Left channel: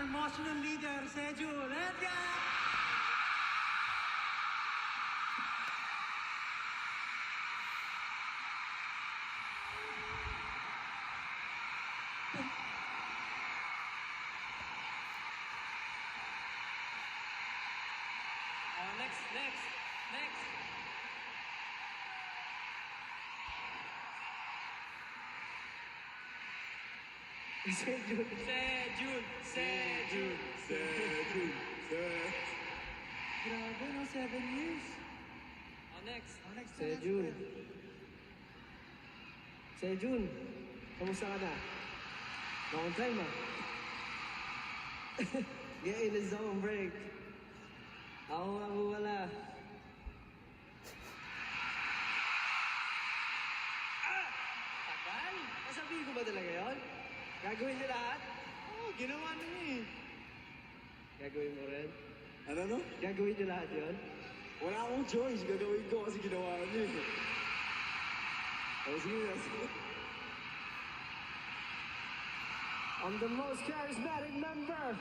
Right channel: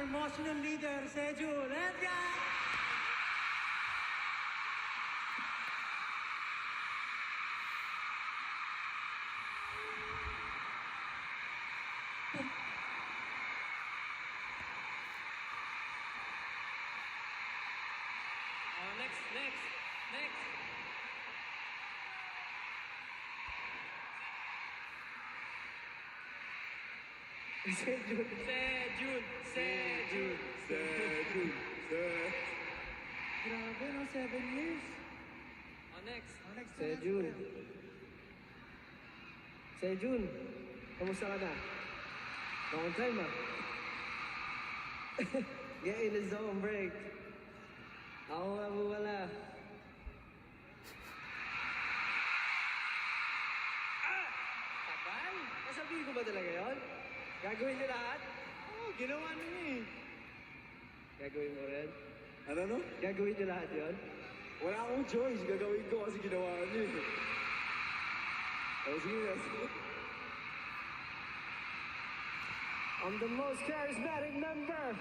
your emotional leader, Sejul. Let's go! Next. Sejul. Grabe, no? 7 years. Next. Next. Sejul. Sejul, kamusta ka na? Long time ah. Get in the zone break. Ako nga po wala. Tagal? Nasabihin ko ba talaga yun? Gagawin niyo lahat? Oh, ginawa niya eh. Gagawin mo rin? Ano? Gagawin niyo lahat yun? Wala akong choice. Gagawin ko kasi ginawa niyo eh. Sige. I'm the most charismatic member,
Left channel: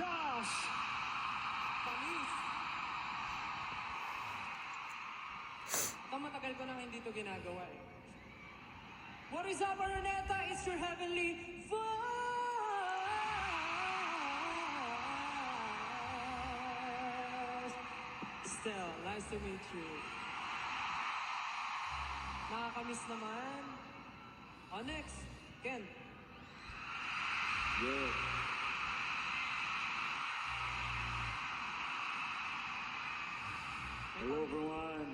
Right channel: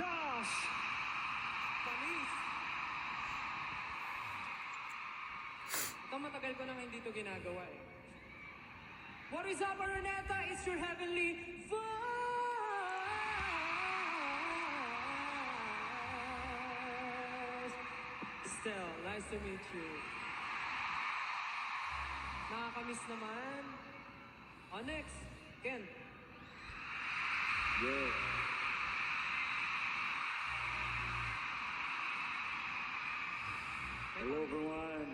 Josh! Panis! Ito matagal ko nang hindi ito ginagawa eh. What is up, Araneta? It's your heavenly voice! Still, nice to meet you. Nakakamiss naman. Next, Ken. Yeah. Hello everyone.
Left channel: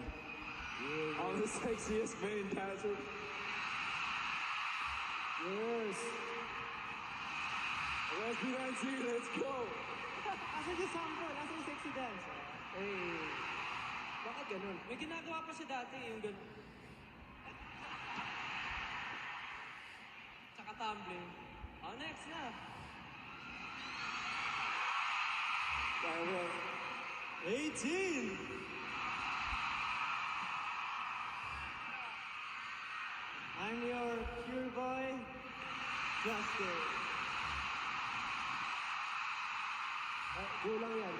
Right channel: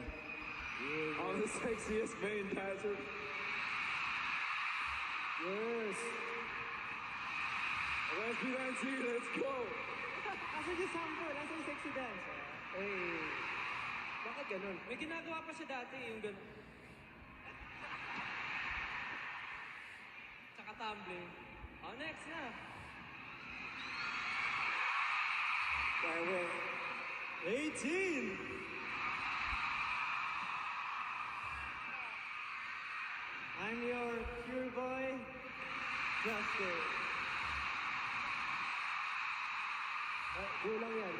I'm the sexiest main Patrick. Yes! Last B19, let's go! Asa yung sample? Asa yung sexy dance? Hey! Bakit ganun? May ginagawa pa siya dati, yung gano'n. Tsaka tumbling. Next na. I went 18! I'm your pure boy, Justin. Kulang yan.